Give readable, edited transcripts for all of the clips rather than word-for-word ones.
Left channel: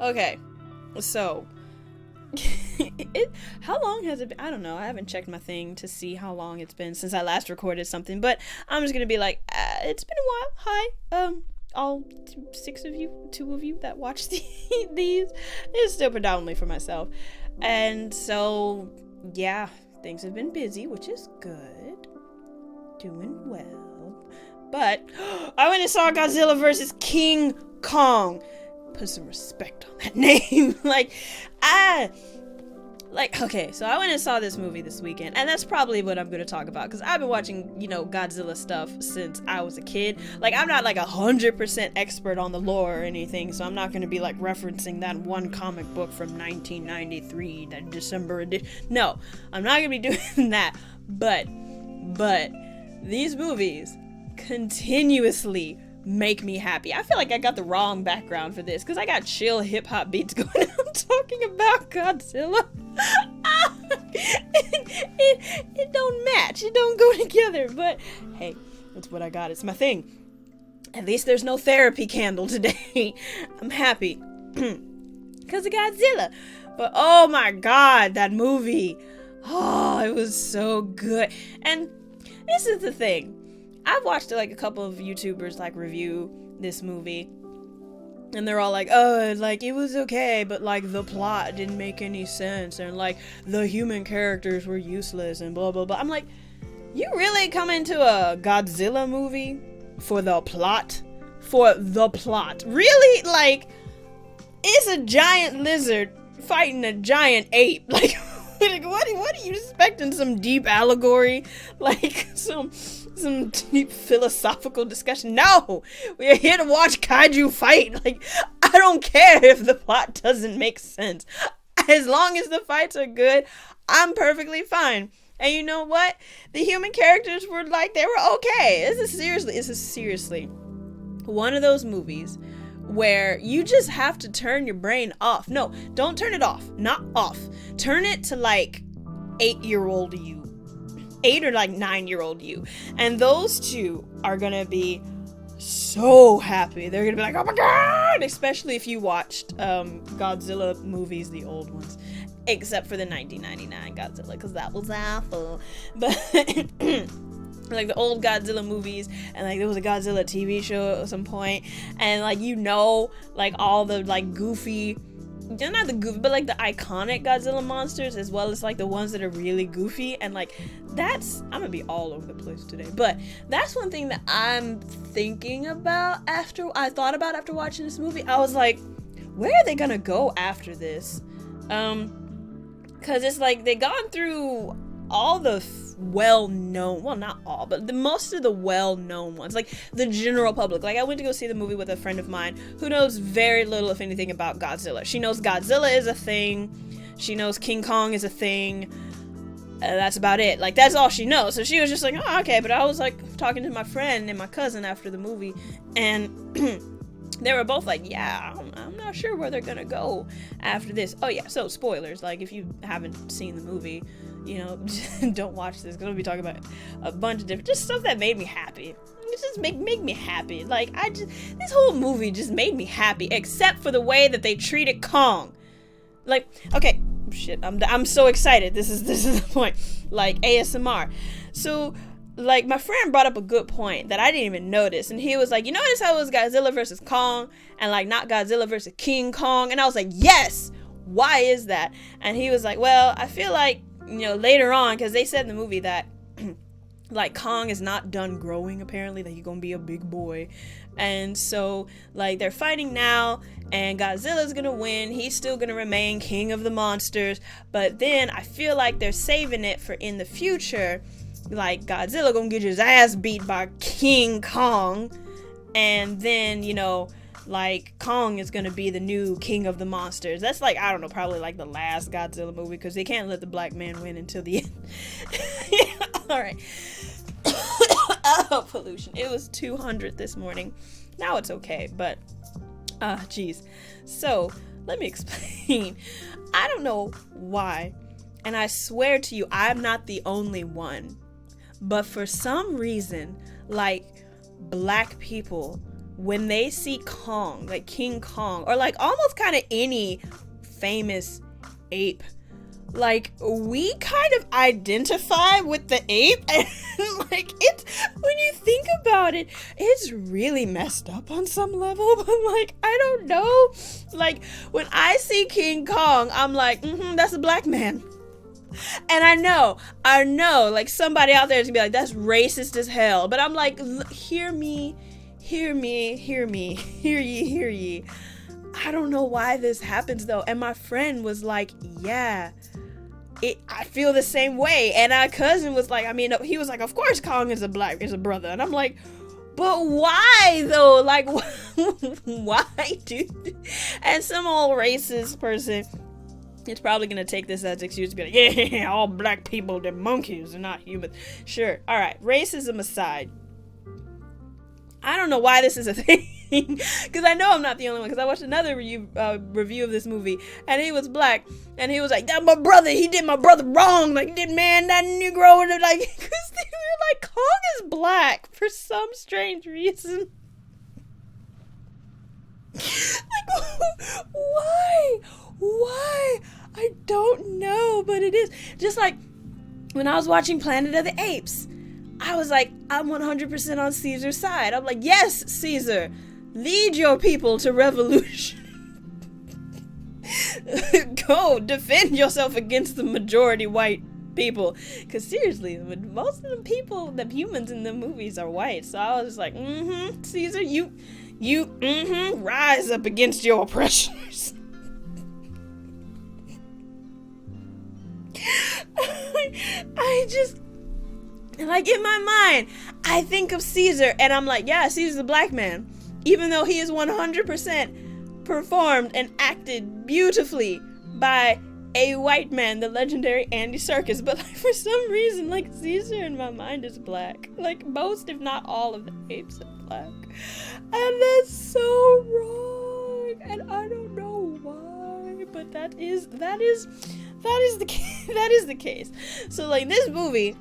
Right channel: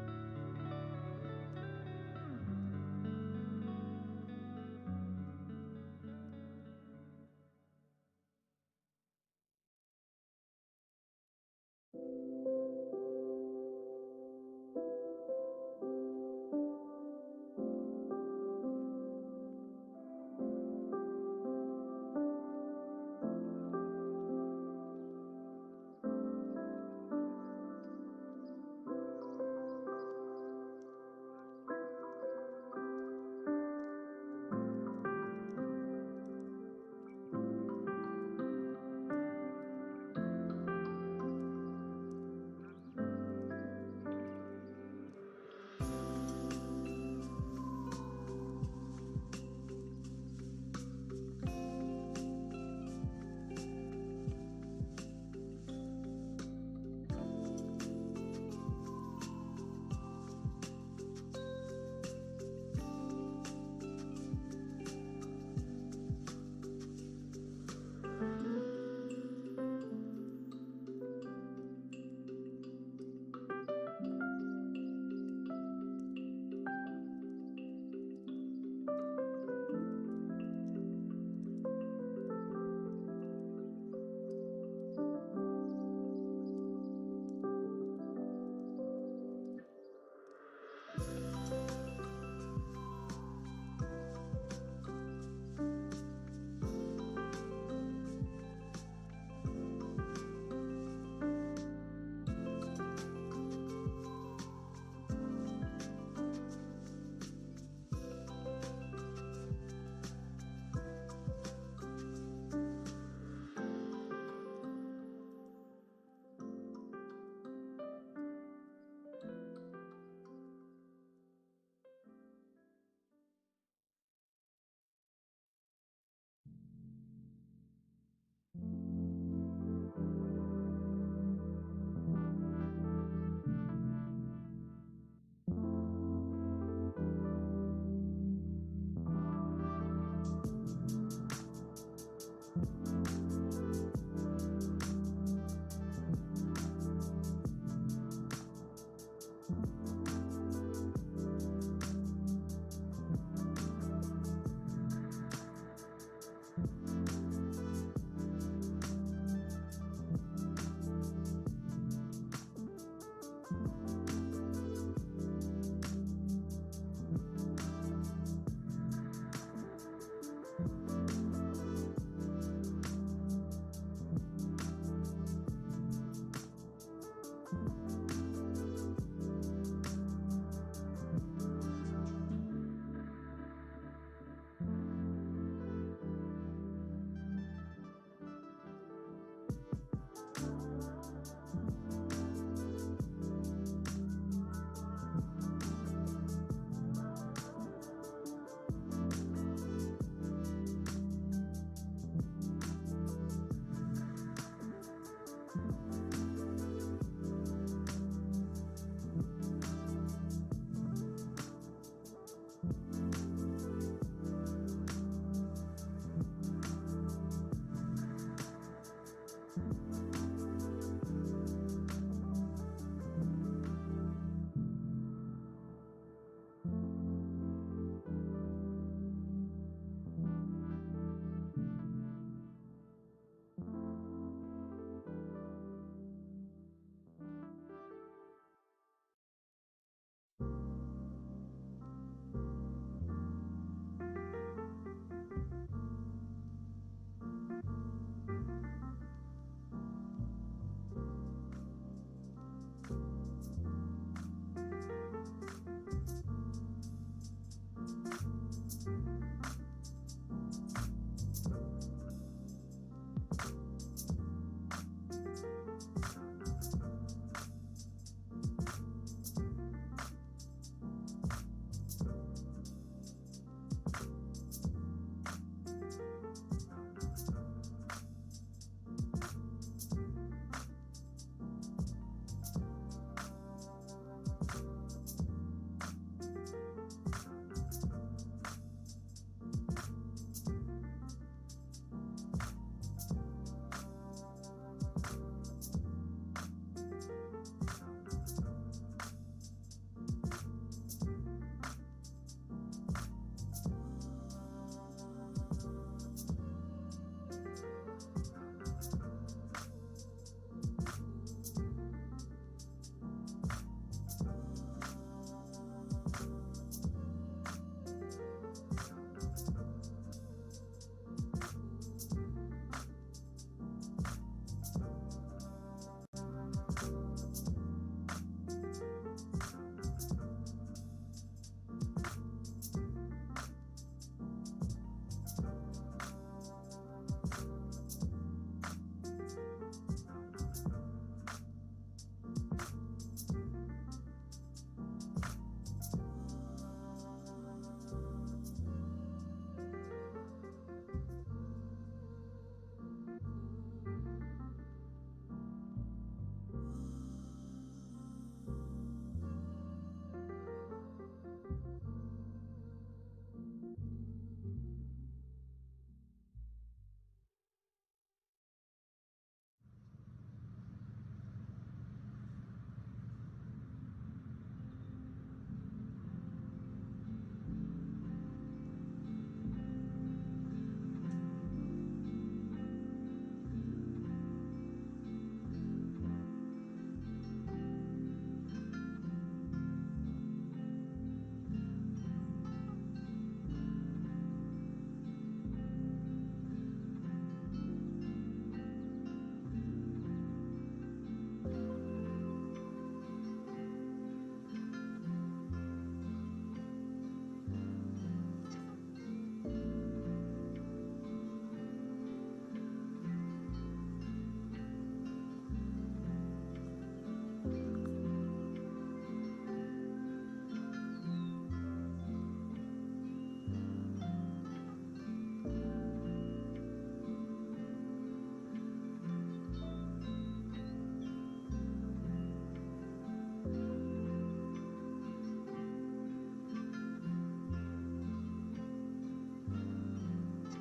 Okay, so how long has it been? I don't know. I haven't checked my thing to see how long it's been since I last recorded something, but I'm just gonna be like, it's been a while. Hi, all six of you, two of you that watch these. It's still predominantly for myself, and so yeah, things have been busy, which is good, doing well. But I went and saw Godzilla versus King Kong. Put some respect on that name. Okay, so I went and saw this movie this weekend, and that's probably what I'm going to talk about, because I've been watching, Godzilla stuff since I was a kid. Like, I'm not, 100% expert on the lore or anything, so I'm not going to be, referencing that one comic book from 1993, that December edition. No, I'm not going to be doing that, but, these movies continuously make me happy. I feel like I got the wrong background for this, because I got chill hip-hop beats going on talking about Godzilla. It don't match. It don't go together. But hey, that's what I got. It's my thing. At least there's no therapy candle today. I'm happy. Because of Godzilla. But oh my god, that movie. Oh, it was so good. And this is the thing. I've watched a couple of YouTubers review this movie, and they're all like, oh, it was okay, but the plot didn't make any sense, and the human characters were useless, and blah blah blah. I'm like, you really come into a Godzilla movie for the plot? For the plot? Really? It's a giant lizard fighting a giant ape. What are you expecting? Some deep allegory? Some deep philosophical discussion? No! We're here to watch kaiju fight. I don't care if the plot doesn't make sense. As long as the fights are good, I'm perfectly fine. And you know what? The human characters were they were okay. This is seriously one of those movies where you just have to turn your brain off. No, don't turn it off. Not off. Turn it to 8-year-old you. 8 or 9-year-old you. And those two are gonna be so happy. They're gonna be like, oh my god! Especially if you watched Godzilla movies, the old ones. Except for the 1999 Godzilla, because that was awful. But the old Godzilla movies, and there was a Godzilla TV show at some point, and all the goofy, not the goofy, but the iconic Godzilla monsters, as well as the ones that are really goofy, and that's, I'm gonna be all over the place today, but that's one thing that I'm thinking about after watching this movie. I was like, where are they gonna go after this? Because it's they gone through all the well-known, well, not all, but most of the well-known ones, the general public. I went to go see the movie with a friend of mine who knows very little, if anything, about Godzilla. She knows Godzilla is a thing. She knows King Kong is a thing. That's about it. That's all she knows. So she was just oh, okay. But I was talking to my friend and my cousin after the movie, and they were both yeah, I'm not sure where they're gonna go after this. Oh yeah, so spoilers, if you haven't seen the movie, don't watch this, because we'll be talking about a bunch of different, just stuff that made me happy. It just make me happy. This whole movie just made me happy, except for the way that they treated Kong. Okay, shit, I'm so excited. This is the point. ASMR. So my friend brought up a good point that I didn't even notice, and he was you notice how it was Godzilla versus Kong and not Godzilla versus King Kong? And I was yes. Why is that? And he was well, I feel later on, because they said in the movie that Kong is not done growing, apparently, that he's gonna be a big boy, and so they're fighting now, and Godzilla's gonna win. He's still gonna remain king of the monsters, but then I feel they're saving it for in the future. Godzilla gonna get his ass beat by King Kong, and then Kong is gonna be the new king of the monsters. That's I don't know, probably the last Godzilla movie, because they can't let the black man win until the end. Alright. Oh, pollution. It was 200 this morning. Now it's okay, but geez. So let me explain. I don't know why, and I swear to you, I'm not the only one, but for some reason, black people when they see Kong, like King Kong, or like almost kind of any famous ape, like we kind of identify with the ape, and like it's, when you think about it, it's really messed up on some level. But like, I don't know, like when I see King Kong, I'm like, that's a black man. And I know, like somebody out there is gonna be like, that's racist as hell. But I'm like, hear me, hear ye. I don't know why this happens though. And my friend was like, yeah, I feel the same way. And our cousin was like, I mean, he was like, of course Kong is a brother. And I'm like, but why though? Like, why, dude? And some old racist person, it's probably gonna take this as excuse to be like, yeah, all black people, they're monkeys, they're not humans. Sure, all right, racism aside, I don't know why this is a thing, because I know I'm not the only one, because I watched another review of this movie, and he was black, and he was like, that's my brother, he did my brother wrong, like, that Negro, and like, because they were like, Kong is black for some strange reason. Like, why? I don't know, but it is. Just like when I was watching Planet of the Apes, I was like, I'm 100% on Caesar's side. I'm like, yes, Caesar, lead your people to revolution. Go defend yourself against the majority white people. Because seriously, most of the humans in the movies are white. So I was just like, Caesar, you rise up against your oppressors. I just, like, in my mind, I think of Caesar and I'm like, yeah, Caesar's a black man, even though he is 100% performed and acted beautifully by a white man, the legendary Andy Serkis. But like, for some reason, like, Caesar in my mind is black. Like, most if not all of the apes are black, and that's so wrong, and I don't know why, but that is the case. So like, this movie,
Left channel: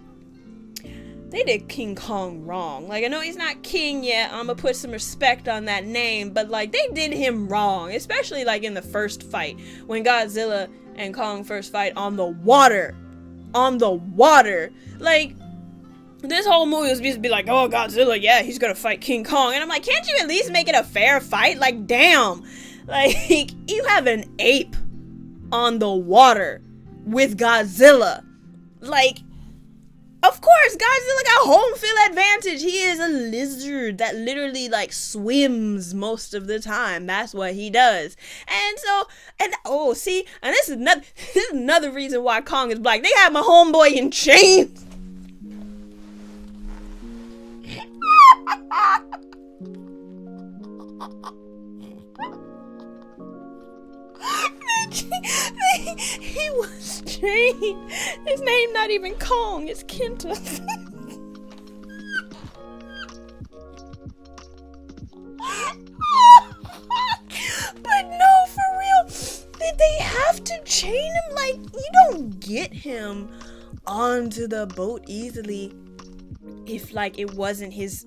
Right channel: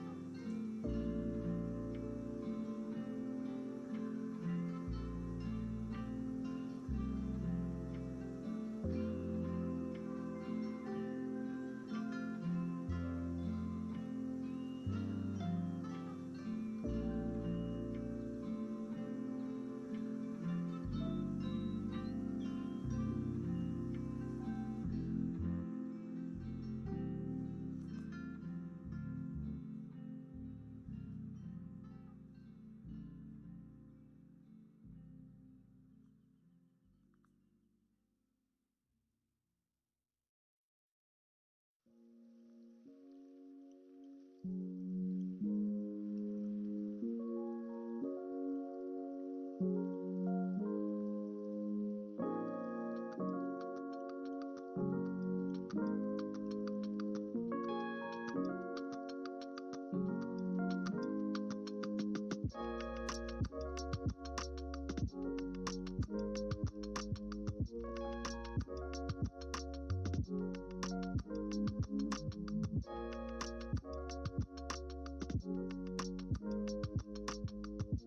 they did King Kong wrong. Like, I know he's not king yet, I'm gonna put some respect on that name, but like, they did him wrong, especially like in the first fight when Godzilla and Kong first fight on the water. Like, this whole movie was supposed to be like, oh, Godzilla, yeah, he's gonna fight King Kong, and I'm like, can't you at least make it a fair fight? Like, damn, like, you have an ape on the water with Godzilla. Like, of course, Godzilla got home field advantage. He is a lizard that literally, like, swims most of the time. That's what he does. And so, and oh, see, and this is another reason why Kong is black. They have my homeboy in chains. He was chained. His name not even Kong, it's Kenta. But no, for real, did they have to chain him? Like, you don't get him onto the boat easily if, like, it wasn't his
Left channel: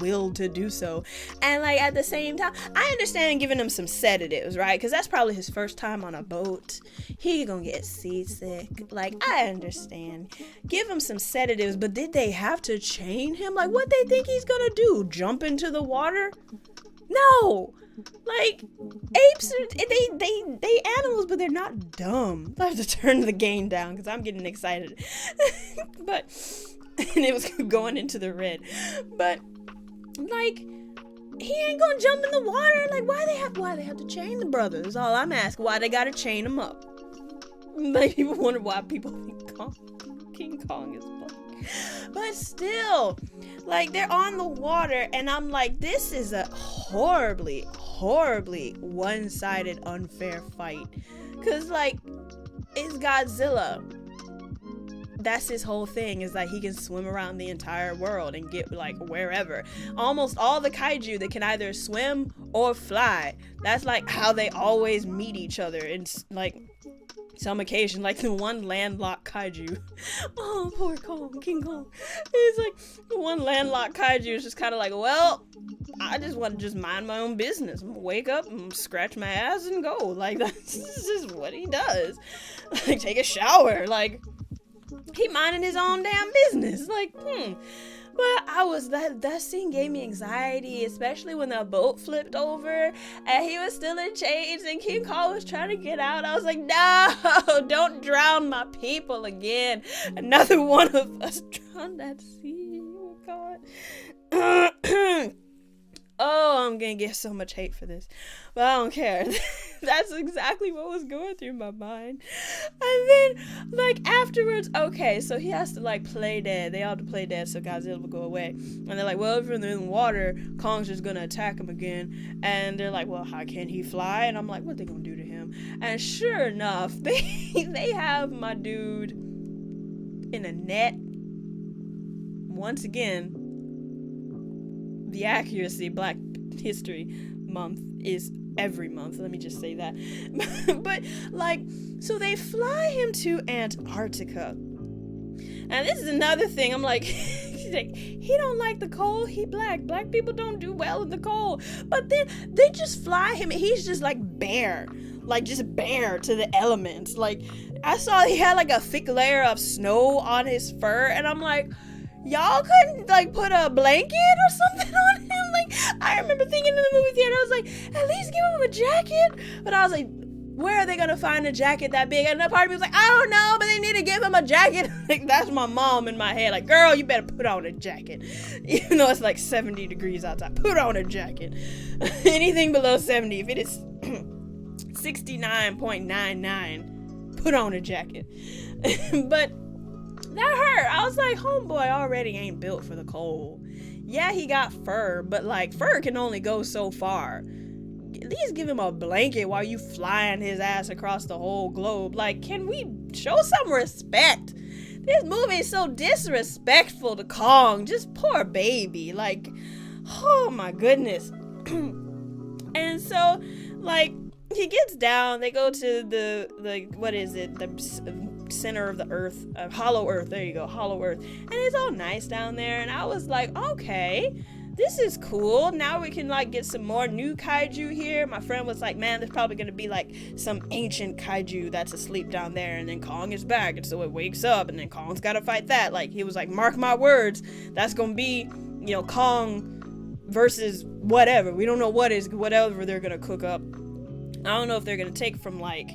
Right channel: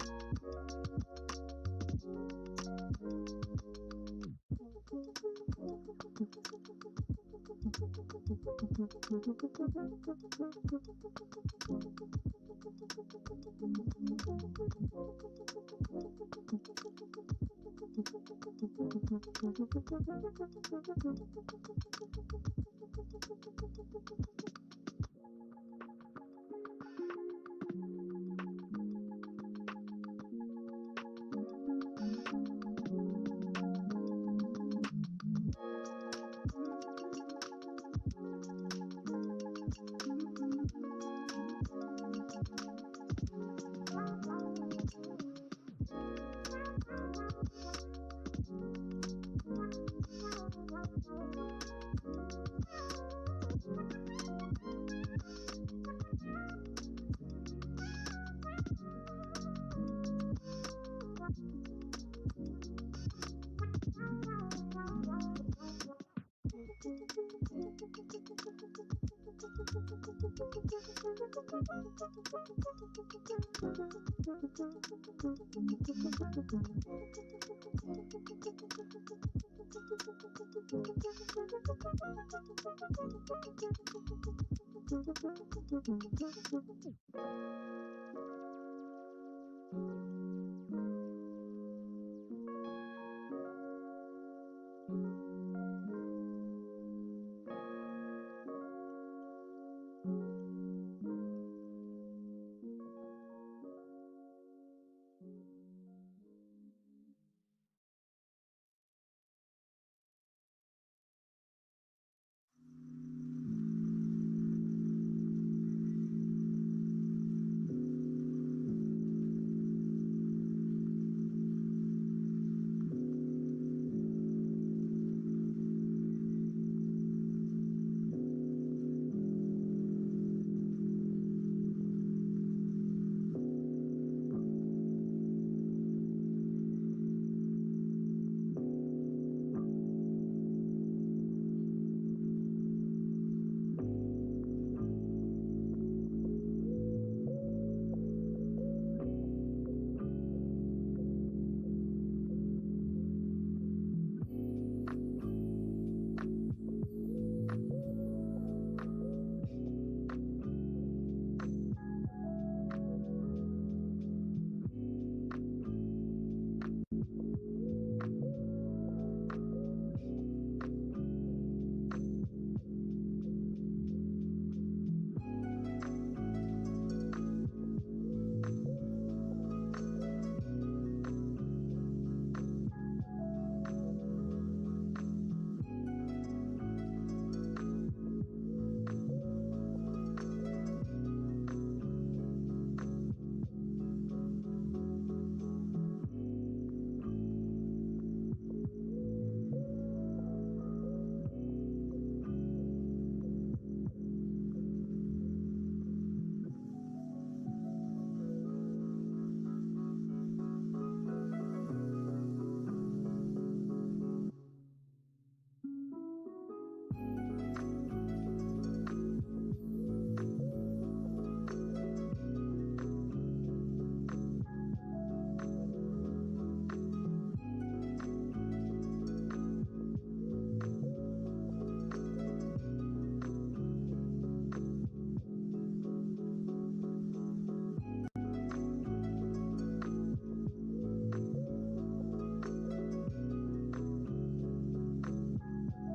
will to do so. And like, at the same time, I understand giving him some sedatives, right? Because that's probably his first time on a boat. He gonna get seasick. Like, I understand, give him some sedatives, but did they have to chain him? Like, what they think he's gonna do, jump into the water? No. Like, apes are, they animals, but they're not dumb. I have to turn the game down because I'm getting excited. But and it was going into the red. But like, he ain't gonna jump in the water. Like, why they have to chain the brothers? Is all I'm asking. Why they gotta chain them up? Like, people wonder why people think King Kong is black. But still, like, they're on the water, and I'm like, this is a horribly one-sided, unfair fight. Cause like, it's Godzilla. That's his whole thing, is like, he can swim around the entire world and get, like, wherever. Almost all the kaiju that can either swim or fly. That's like how they always meet each other in, like, some occasion, like the one landlocked kaiju. Oh, poor Kong, King Kong. He's like, the one landlocked kaiju is just kind of like, well, I just want to just mind my own business. Wake up and scratch my ass and go. Like, that's just what he does. Like, take a shower. Like, he minding his own damn business. Like, But that scene gave me anxiety, especially when the boat flipped over and he was still in chains and King Kong was trying to get out. I was like, no, don't drown my people again. Another one of us drowned at sea. Oh, God. Oh, I'm gonna get so much hate for this, but I don't care. That's exactly what was going through my mind. And then, like, afterwards, okay, so he has to, like, play dead. They all have to play dead so Godzilla will go away. And they're like, well, if they're in the water, Kong's just gonna attack him again. And they're like, well, how can he fly? And I'm like, what are they gonna do to him? And sure enough, they have my dude in a net. Once again, the accuracy, Black History Month is every month, let me just say that. But, like, so they fly him to Antarctica. And this is another thing, I'm like, he don't like the cold, he black people don't do well in the cold. But then they just fly him and he's just like bare, like just bare to the elements. Like, I saw he had like a thick layer of snow on his fur, and I'm like, y'all couldn't like put a blanket or something on him? Like, I remember thinking in the movie theater, I was like, at least give him a jacket. But I was like, where are they gonna find a jacket that big? And another part of me was like, I don't know, but they need to give him a jacket. Like, that's my mom in my head, like, girl, you better put on a jacket. Even though it's like 70 degrees outside, put on a jacket. Anything below 70, if it is 69.99, put on a jacket. But that hurt. I was like, homeboy already ain't built for the cold. Yeah, he got fur, but like, fur can only go so far. At least give him a blanket while you flying his ass across the whole globe. Like, can we show some respect? This movie is so disrespectful to Kong. Just poor baby. Like, oh my goodness. And so, like, he gets down. They go to the what is it? The center of the earth, hollow earth. There you go, hollow earth. And it's all nice down there. And I was like, okay, this is cool. Now we can like get some more new kaiju here. My friend was like, man, there's probably gonna be like some ancient kaiju that's asleep down there, and then Kong is back, and so it wakes up, and then Kong's gotta fight that. Like, he was like, mark my words, that's gonna be, you know, Kong versus whatever. We don't know whatever they're gonna cook up. I don't know if they're gonna take from like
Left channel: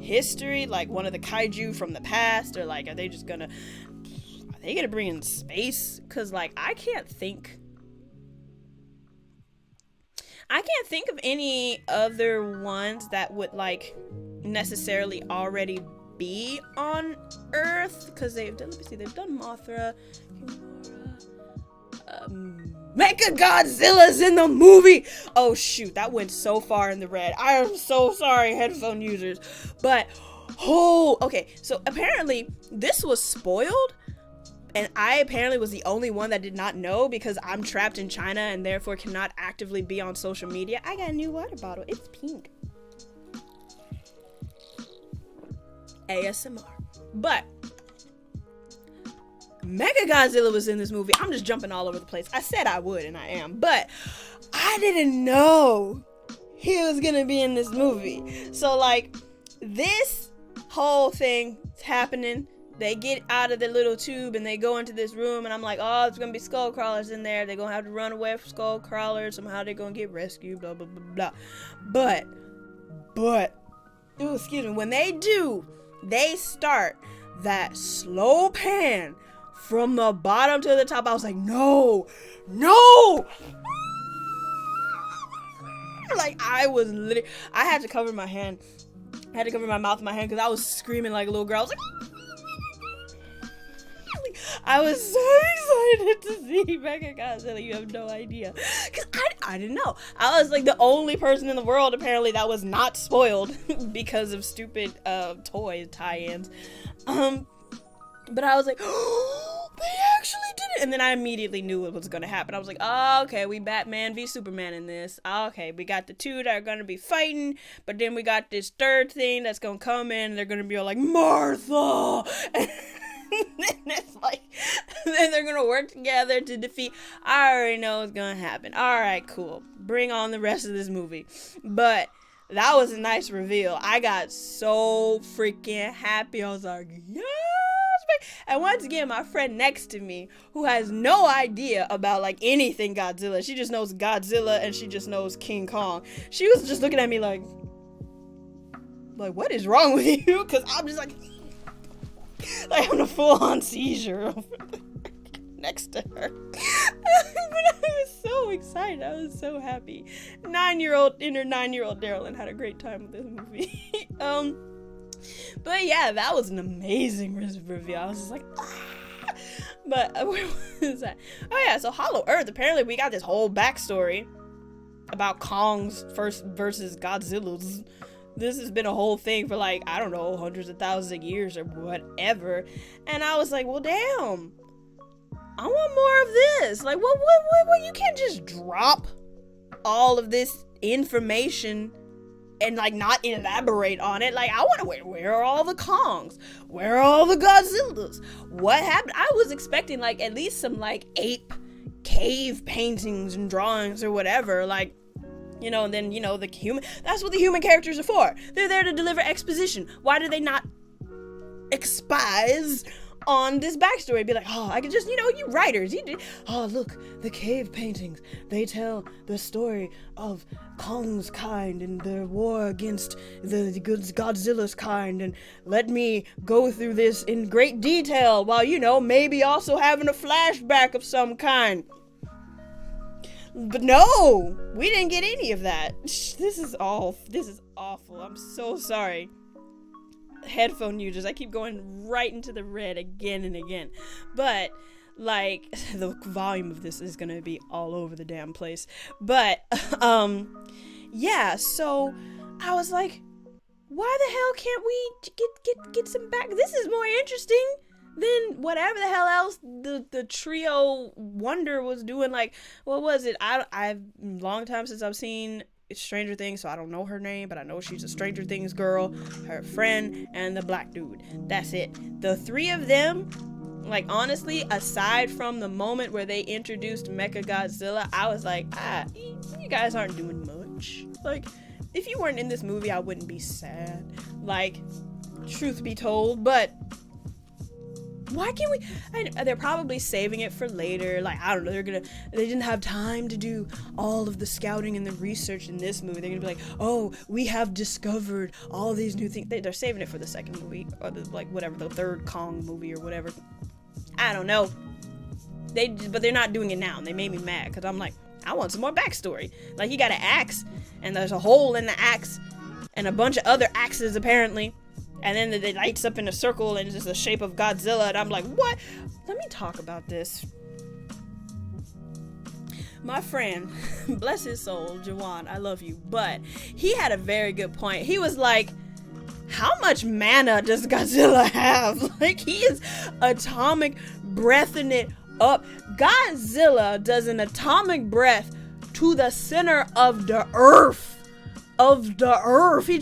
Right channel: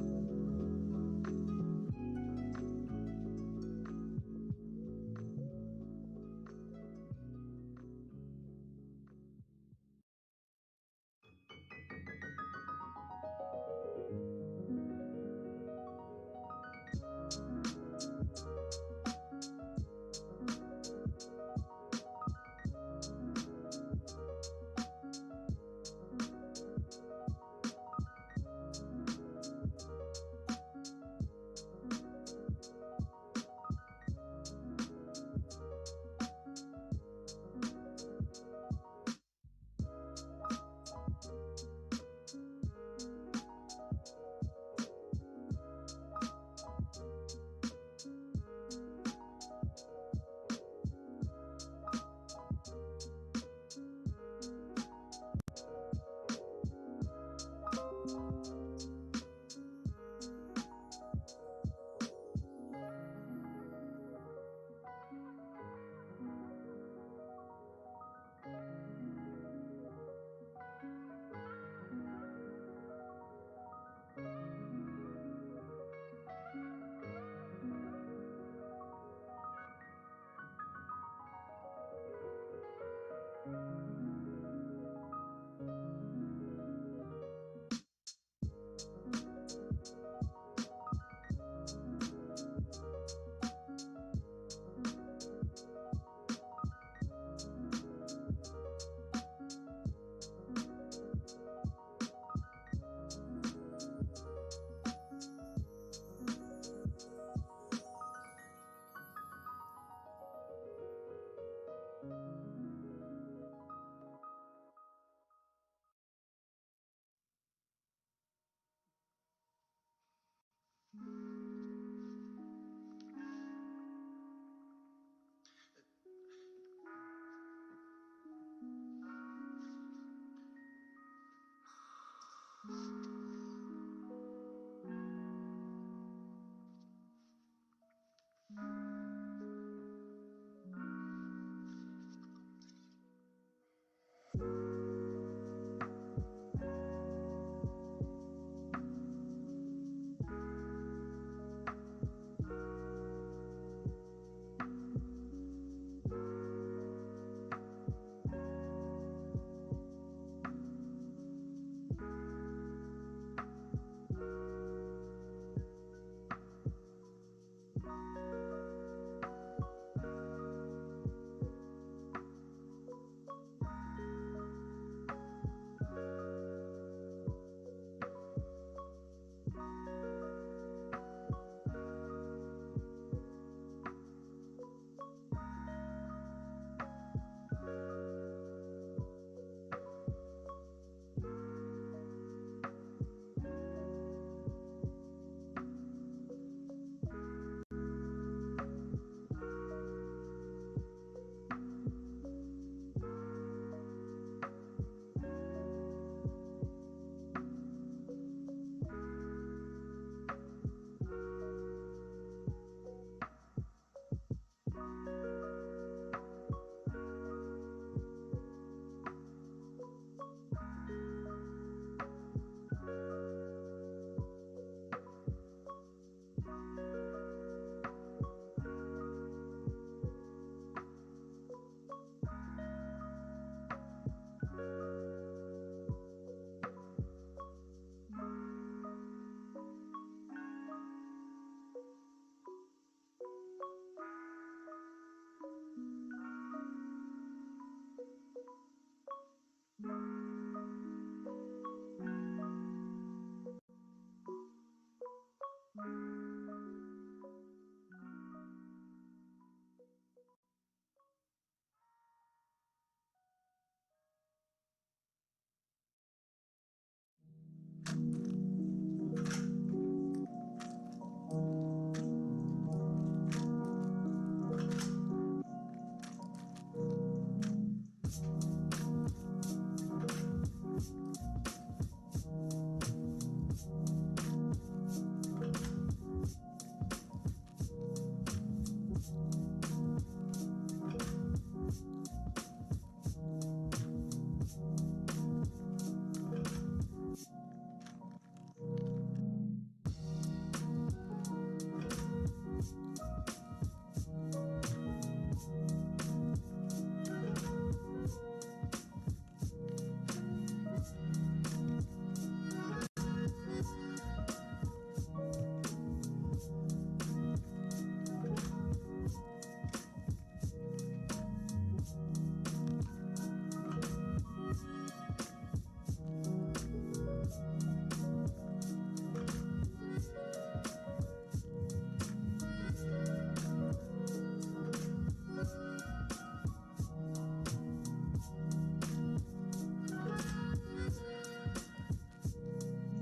history, like one of the kaiju from the past, or like are they gonna bring in space? Because like I can't think of any other ones that would like necessarily already be on Earth, because they've done Mothra, Mecha Godzilla's in the movie. Oh shoot, that went so far in the red. I am so sorry, headphone users. But okay, so apparently this was spoiled, and I apparently was the only one that did not know, because I'm trapped in China and therefore cannot actively be on social media. I got a new water bottle. It's pink. ASMR. But Mecha Godzilla was in this movie. I'm just jumping all over the place. I said I would, and I am. But I didn't know he was gonna be in this movie. So, like, this whole thing is happening. They get out of the little tube, and they go into this room, and I'm like, oh, there's gonna be skull crawlers in there. They're gonna have to run away from skull crawlers. Somehow they're gonna get rescued, blah, blah, blah, blah. But, ooh, excuse me, when they do, they start that slow pan from the bottom to the top. I was like, no. Like, I was literally, I had to cover my hand. I had to cover my mouth with my hand because I was screaming like a little girl. I was like, I was so excited to see Mecha Godzilla. You have no idea. Because I didn't know. I was like the only person in the world apparently that was not spoiled because of stupid toy tie-ins. But I was like, oh, they actually did it. And then I immediately knew what was going to happen. I was like, oh, okay, we Batman v Superman in this. Oh, okay, we got the two that are going to be fighting, but then we got this third thing that's going to come in, and they're going to be all like, Martha! And then it's like, then they're going to work together to defeat. I already know what's going to happen. All right, cool. Bring on the rest of this movie. But that was a nice reveal. I got so freaking happy. I was like, yes! And once again, my friend next to me, who has no idea about like anything Godzilla, she just knows Godzilla and she just knows King Kong. She was just looking at me like what is wrong with you? Because I'm just like having a full-on seizure next to her. But I was so excited. I was so happy. 9-year-old Darylyn had a great time with this movie. But yeah, that was an amazing reveal. I was just like, ah! But where was that? Oh yeah, so Hollow Earth. Apparently, we got this whole backstory about Kong's first versus Godzilla's. This has been a whole thing for like, I don't know, hundreds of thousands of years or whatever. And I was like, well, damn, I want more of this. Like, what? You can't just drop all of this information and like not elaborate on it. Like, I want to where are all the Kongs? Where are all the Godzillas? What happened? I was expecting like at least some like ape cave paintings and drawings or whatever. Like, you know, and then, you know, the human, that's what the human characters are for. They're there to deliver exposition. Why do they not expose on this backstory? Be like, oh, I could just, you know, you writers, you did. Oh, look, the cave paintings. They tell the story of Kong's kind and their war against the Godzilla's kind. And let me go through this in great detail while, you know, maybe also having a flashback of some kind. But no, we didn't get any of that. This is awful. I'm so sorry. Headphone users, I keep going right into the red again and again. But like, the volume of this is gonna be all over the damn place. But yeah, so I was like, why the hell can't we get some back? This is more interesting than whatever the hell else the trio Wonder was doing. Like, what was it? I've long time since I've seen Stranger Things, so I don't know her name, but I know she's a Stranger Things girl, her friend, and the black dude. That's it. The three of them, like, honestly, aside from the moment where they introduced Mechagodzilla, I was like, you guys aren't doing much. Like, if you weren't in this movie, I wouldn't be sad. Like, truth be told, but why can't we? They're probably saving it for later. Like, I don't know. They didn't have time to do all of the scouting and the research in this movie. They're gonna be like, oh, we have discovered all these new things. They're saving it for the second movie, or the third Kong movie or whatever. I don't know. But they're not doing it now. And they made me mad because I'm like, I want some more backstory. Like, you got an axe, and there's a hole in the axe, and a bunch of other axes apparently. And then it lights up in a circle and it's just the shape of Godzilla. And I'm like, what? Let me talk about this. My friend, bless his soul, Jawan, I love you. But he had a very good point. He was like, how much mana does Godzilla have? Like, he is atomic breathing it up. Godzilla does an atomic breath to the center of the earth. He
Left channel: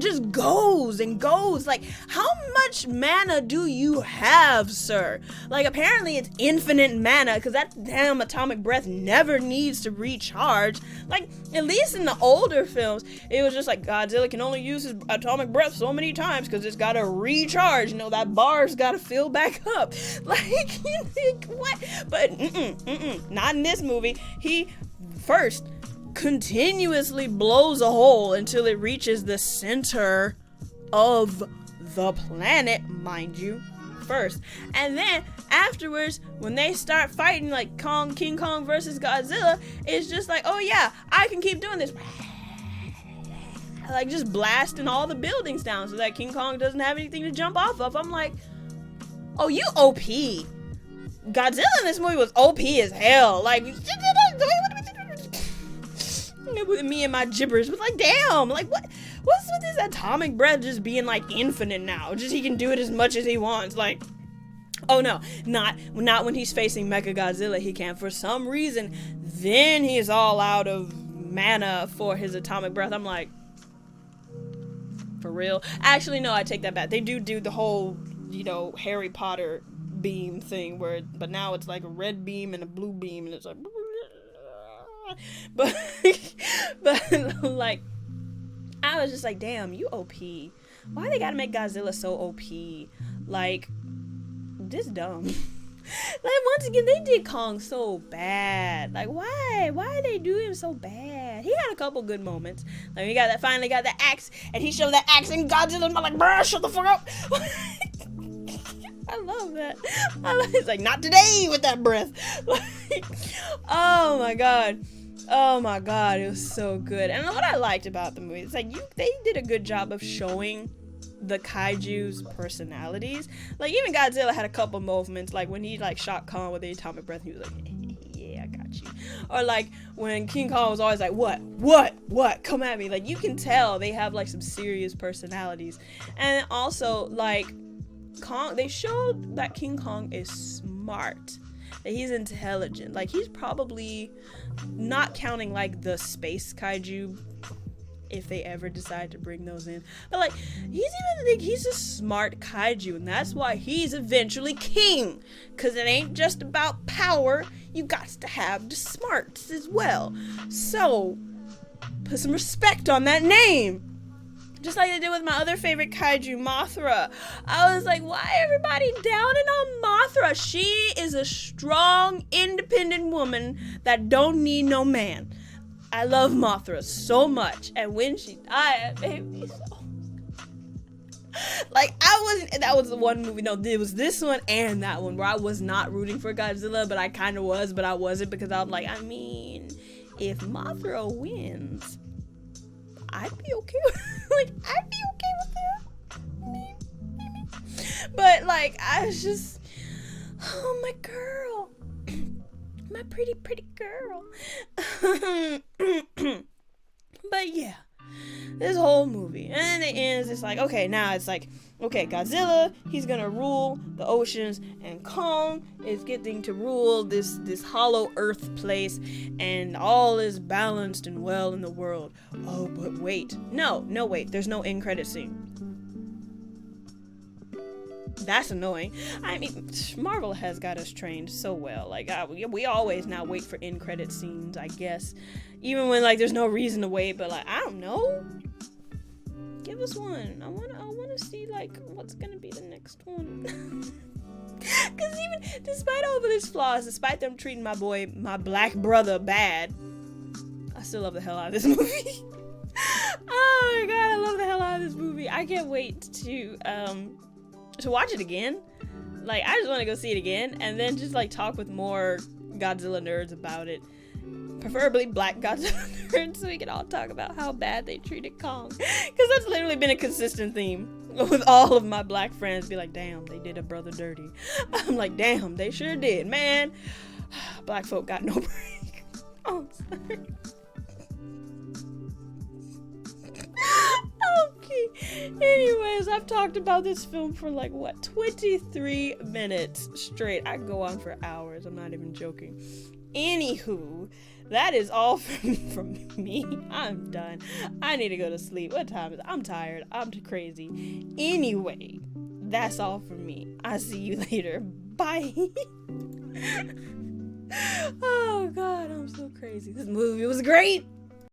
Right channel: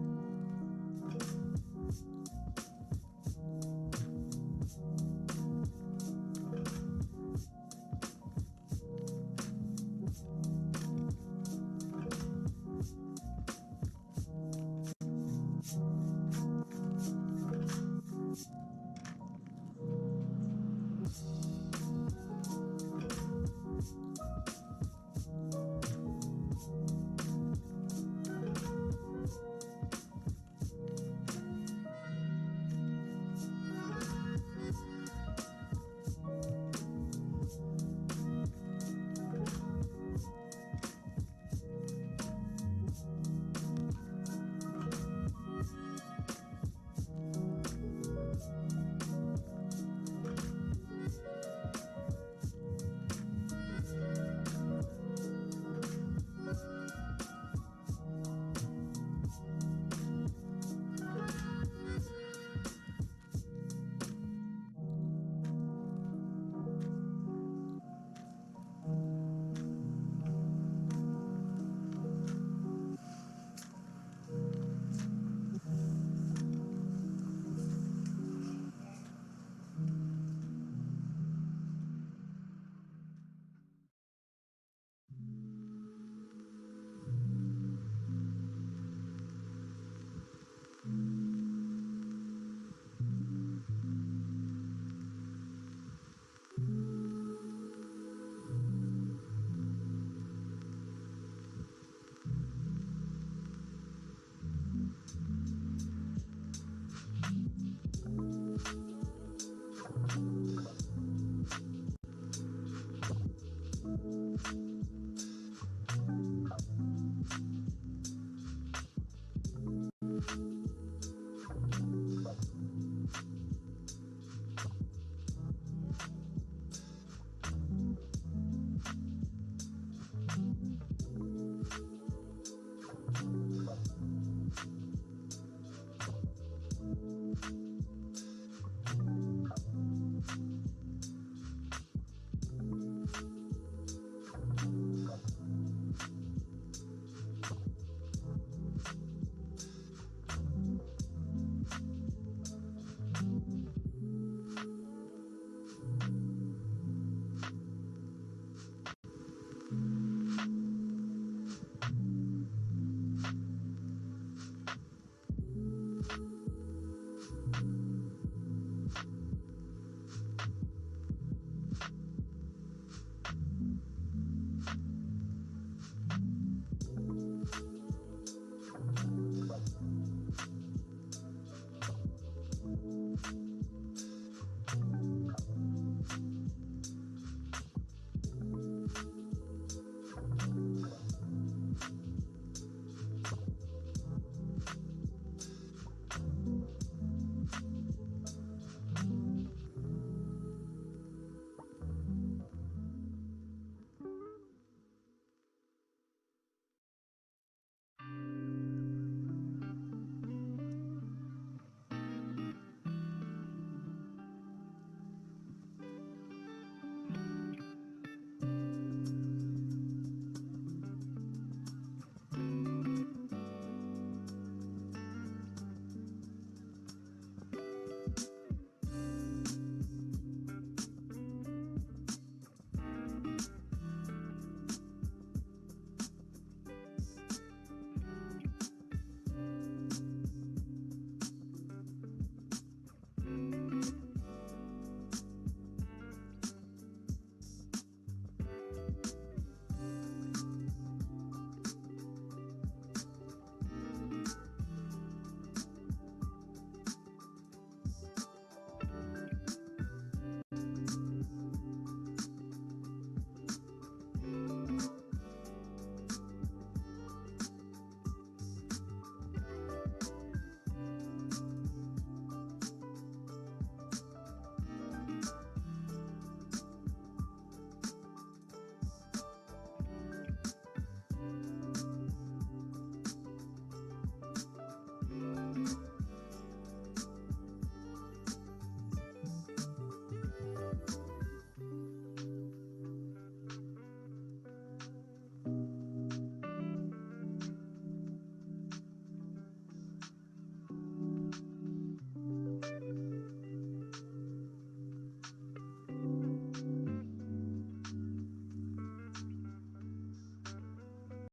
just goes and goes. Like, how much mana do you have, sir? Like, apparently it's infinite mana, because that damn atomic breath never needs to recharge. Like, at least in the older films, it was just like, Godzilla can only use his atomic breath so many times because it's gotta recharge. You know, that bar's gotta fill back up. Like, what? But not in this movie. He first continuously blows a hole until it reaches the center of the planet, mind you, first. And then afterwards, when they start fighting, like King Kong versus Godzilla, it's just like, oh yeah, I can keep doing this. Like, just blasting all the buildings down so that King Kong doesn't have anything to jump off of. I'm like, oh, you OP. Godzilla in this movie was OP as hell. Like, with me and my gibberish, but like, damn, like, what's with this atomic breath just being like infinite now? Just he can do it as much as he wants. Like, Oh no, not when he's facing Mecha Godzilla. He can't for some reason. Then he's all out of mana for his atomic breath. I'm like, for real? Actually, no, I take that back. They do the whole, Harry Potter beam thing but now it's like a red beam and a blue beam, and it's like, but like, I was just like, damn, you OP. Why they gotta make Godzilla so OP? Like, this dumb. Like, once again, they did Kong so bad. Like, why they do him so bad? He had a couple good moments. Like, he finally got the axe, and he showed that axe, and Godzilla's like, bruh, shut the fuck up. I love that. It's like, not today with that breath. Like, oh my god, it was so good. And what I liked about the movie, it's like they did a good job of showing the kaiju's personalities. Like, even Godzilla had a couple moments, like when he shot Kong with the atomic breath, he was like, yeah, I got you. Or like when King Kong was always like, what, come at me. Like, you can tell they have some serious personalities. And also, like, Kong, they showed that King Kong is smart, that he's intelligent. Like, he's probably, not counting the space kaiju, if they ever decide to bring those in, but he's a smart kaiju, and that's why he's eventually king, because it ain't just about power. You got to have the smarts as well. So put some respect on that name. Just like they did with my other favorite kaiju, Mothra. I was like, why everybody downing on Mothra? She is a strong, independent woman that don't need no man. I love Mothra so much, and when she died, it made me so... that was the one movie, no, it was this one and that one where I was not rooting for Godzilla, but I kind of was, but I wasn't, because I was like, I mean, if Mothra wins, I'd be okay with I'd be okay with that. Maybe. But I was just, oh, my girl, my pretty girl. But yeah, this whole movie, and it ends, it's like, okay, now it's like, okay, Godzilla, he's gonna rule the oceans, and Kong is getting to rule this hollow earth place, and all is balanced and well in the world. Oh, but wait, no wait, there's no end credit scene. That's annoying. I mean, Marvel has got us trained so well. We always now wait for end credit scenes, I guess, even when there's no reason to wait. But I don't know. Give us one. I want to see what's gonna be the next one. Because even despite all of its flaws, despite them treating my black brother bad, I still love the hell out of this movie. Oh my god, I love the hell out of this movie. I can't wait to watch it again. I just want to go see it again, and then just talk with more Godzilla nerds about it, preferably black Godzilla nerds, so we can all talk about how bad they treated Kong, because that's literally been a consistent theme with all of my black friends. Be like, damn, they did a brother dirty. I'm like, damn, they sure did, man. Black folk got no break. Oh, sorry. Okay. Anyways, I've talked about this film for 23 minutes straight. I can go on for hours. I'm not even joking. Anywho, that is all from me. I'm done. I need to go to sleep. What time is it? I'm tired. I'm too crazy. Anyway, that's all from me. I'll see you later. Bye. Oh God, I'm so crazy. This movie was great.